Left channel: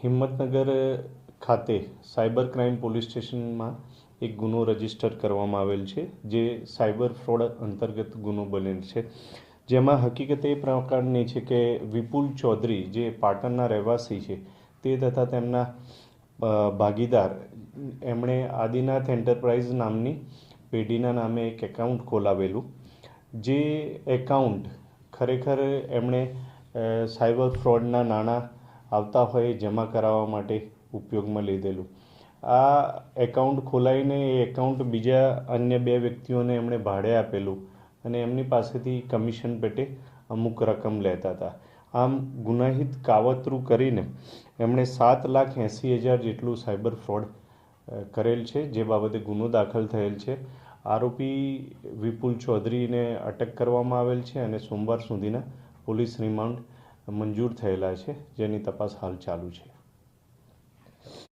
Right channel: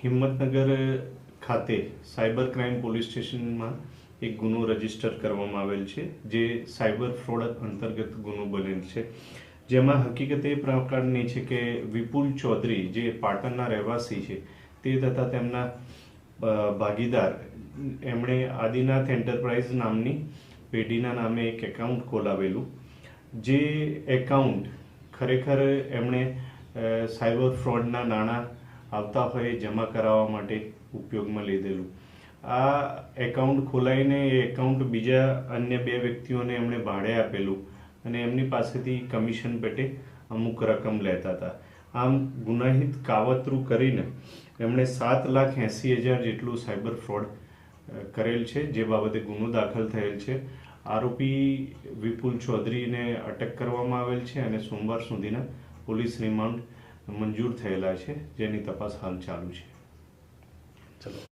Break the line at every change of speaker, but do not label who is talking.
હિંમતનગર ખાતે cyber crime police સ્ટેશનમાં એક ગુનો રજિસ્ટર કરવામાં આવેલ છે, જે સાયબર ફ્રોડ અંતર્ગત ગુનો બનેલ છે. જેમાં હકીકત એ પ્રકારની છે કે વિપુલ ચૌધરી, જે પાટણના રહેવાસી છે, તે તથા તેમના ભાગીદાર, એમણે આદિનાથ એન્ટરપ્રાઇઝ નામની પેઢીના નામે એક એકાઉન્ટ ખોલાવેલું. જે એકાઉન્ટ ખરેખર એમણે સાયબર ફ્રોડના નાણાં આવતા હોય એ જમા કરાવવા માટે ઉપયોગમાં લીધેલું. આ એકાઉન્ટ ખોલાવીને એ એકાઉન્ટ બીજા અન્ય બે વ્યક્તિઓને એમણે ભાડે આપેલું અને એમની પાસેથી કમિશન પેટે અમુક રકમ લેતા હતા. આમ ગુનાહિત કાવતરું કરીને એમણે સાત લાખ એંસી હજાર જેટલું સાયબર ફ્રોડ કરેલ છે, જે બાબતે ગુનો દાખલ થયેલ છે. આરોપી વિપુલ ચૌધરીને અટક કરવામાં આવેલ છે અને સોમવાર સુધીના પોલીસ રિમાન્ડ મંજૂર થયેલા છે. જેની તપાસ હાલ ચાલુ છે. ચલો